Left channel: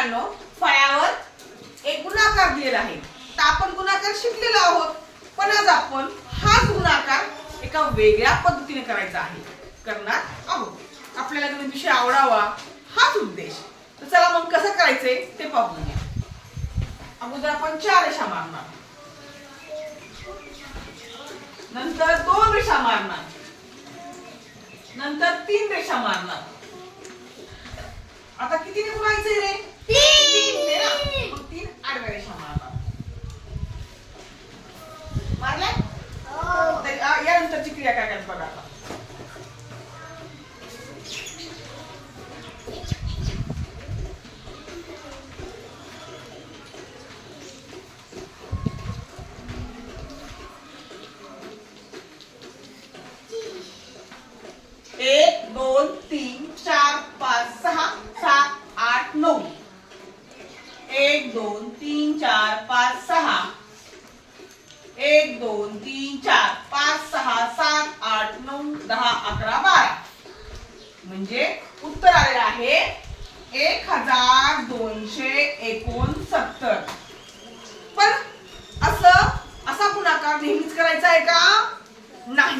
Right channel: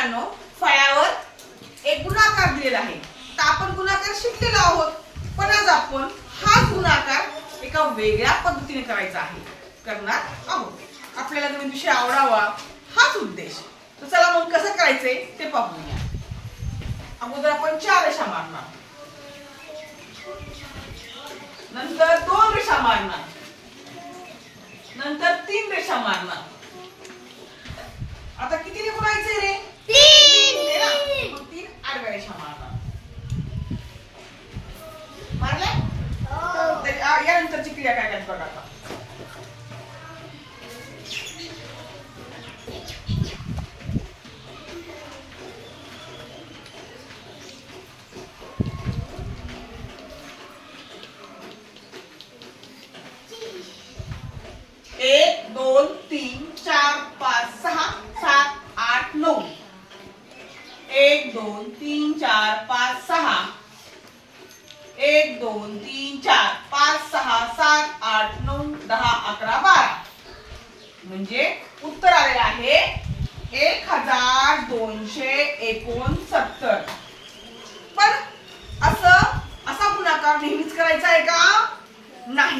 मुलांनो, फळ्यावर एक गुणाकार दिलेला आहे. तर आपण गुणाकार शिकलेलो आहोत, पण आज आपण हा गुणाकार एका वेगळ्या पद्धतीने करायचा आहे, करणार आहोत. आपल्याला नवीन विषय आवडावा हाच उद्देश. तर चला मग कसं करायचंय ते पाहूया. अगोदर आपण 4 रेषा मारणार, नंतर 2 रेषा मारणार, नंतर 3 रेषा मारणार. आता कितीने गुणायचे हे? 3. मग 3 आडव्या रेषा मारणार. मारल्या? यानंतरची क्रिया काय करायची बघा आता. एक 2 3 4 5 6 7 8 9. 1 2 3 4 5 6. 1 2 3 4 5 6 7 8 9 10 11 12. म्हणजे उत्तर आलेलं आहे 1269. पण असा गुणाकार नेहमीच करायचा आहे का? नाही.